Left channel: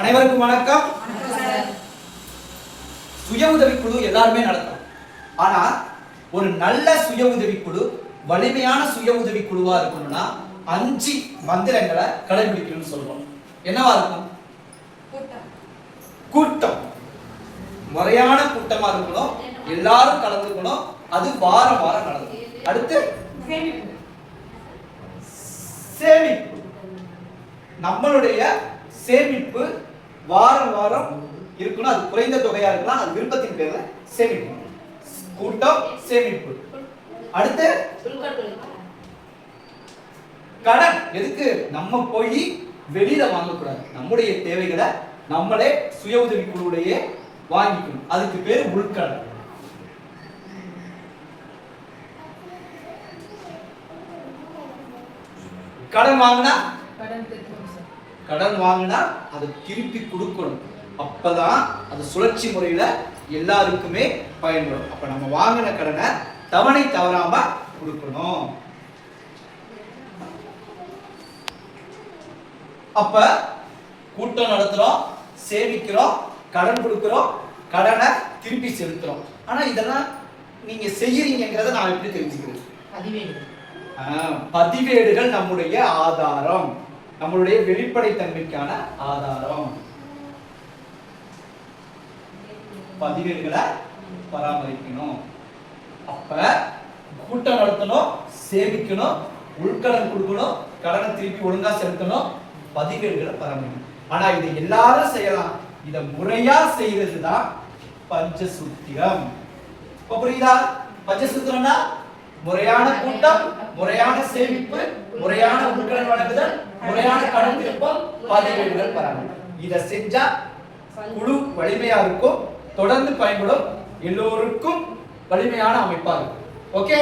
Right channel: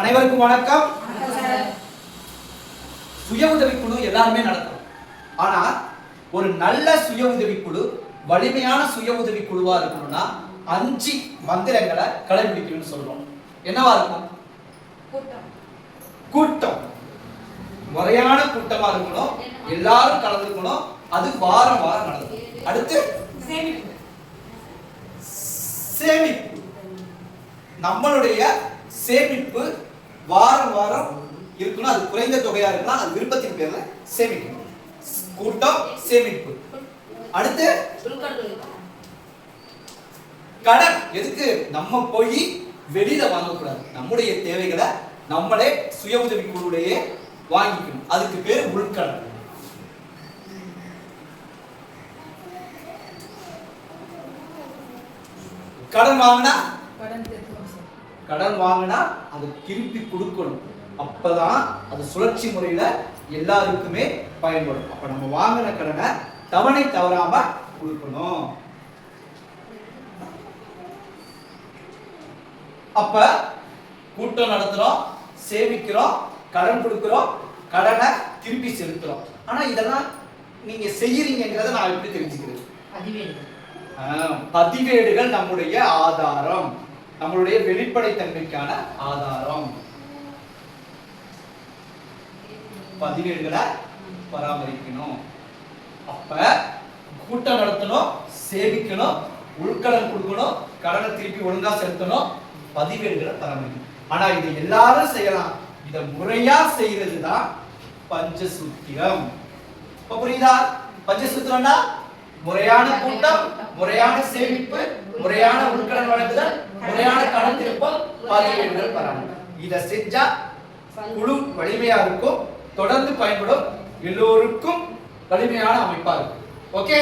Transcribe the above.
அனைவருக்கும் வணக்கம். சுய உதவிக்குழு எல்லாருமே நடத்தும். ஆனா ஒரு நல்ல சுய உதவிக்குழு, வலிமையான சுய உதவிக்குழுவா இருக்கணும்னா 5 மந்திரங்களை கடைபிடிக்கணும்னு சொல்றோம். என்னவா இருக்கும்? கூட்டம். முறையான கூட்டமா இருக்கணும், எல்லாரும் கலந்துக்கணும், அது வாரம் வாரம் நடக்கும். அடுத்து சேமிப்பு. நம்மளுடைய சேமிப்பு வாரம் வாரம் இருக்கணும். அது குறைந்த தொகையா இருக்கலாம், அது விருப்பத்தின் பேர்ல சேமிக்கணும். கூட்டம், சேமிப்பு. அடுத்து கடன். எதுக்கு? நம்ம போய் வெளியில வாங்கக்கூடாது, நம்முடைய தேவைகளை நம்மளே சுய உதவி குழுவுடைய வாங்கிக்கணும். அதுக்கு பேர் உள்கடன். கடன் வாங்கினா அதை திருப்பி கொடுக்கணும். அப்பதான் அது சுழற்சி முறையில எல்லாருக்குமே பயன்படும். அப்ப நம்ம வாங்கின கடனை தவணை தவறாம கொடுக்கணும். அப்ப கூட்டம் நடத்துறோம், சேமிக்கிறோம், கடன் கொடுக்கிறோம், கடனை திருப்பி செலுத்துறோம். ஆனா இதெல்லாம் நீங்க செய்யறீங்கிறத நான் எப்படி தெரிஞ்சுக்கிறது? பதிவேடுகள் நம்முடைய ஆதாரம், நம்மளுடைய வெளிப்படை தன்மைக்கான ஆதாரம். பதிவேடுகளை பராமரிக்கணும். அப்ப கூட்டம் நடத்தணும், சேமிக்கணும், உள்கடன் கொடுக்கணும், கடனை திருப்பி ஒழுங்கா செலுத்தணும், பதிவேடுகளை பராமரிக்கணும். ஆனா இதை எல்லாரும் செய்யலாம். இதை முறையா செய்யறதுதான் பஞ்சசூத்திரம். புரியுதா? பஞ்சசூத்திரம்னா முறையான கூட்டம், முறையான சேமிப்பு, முறையான உள்கடன் வழங்குதல், முறையான கடன் திருப்பம், பதிவேடுகள் பராமரிப்பு. இதை செஞ்சா குழு வலிமையா இருக்கும், தொடர்ந்து பயன்படும், எல்லோருக்கும் வலிமையான அமைப்பா இருக்கும். ஓகே?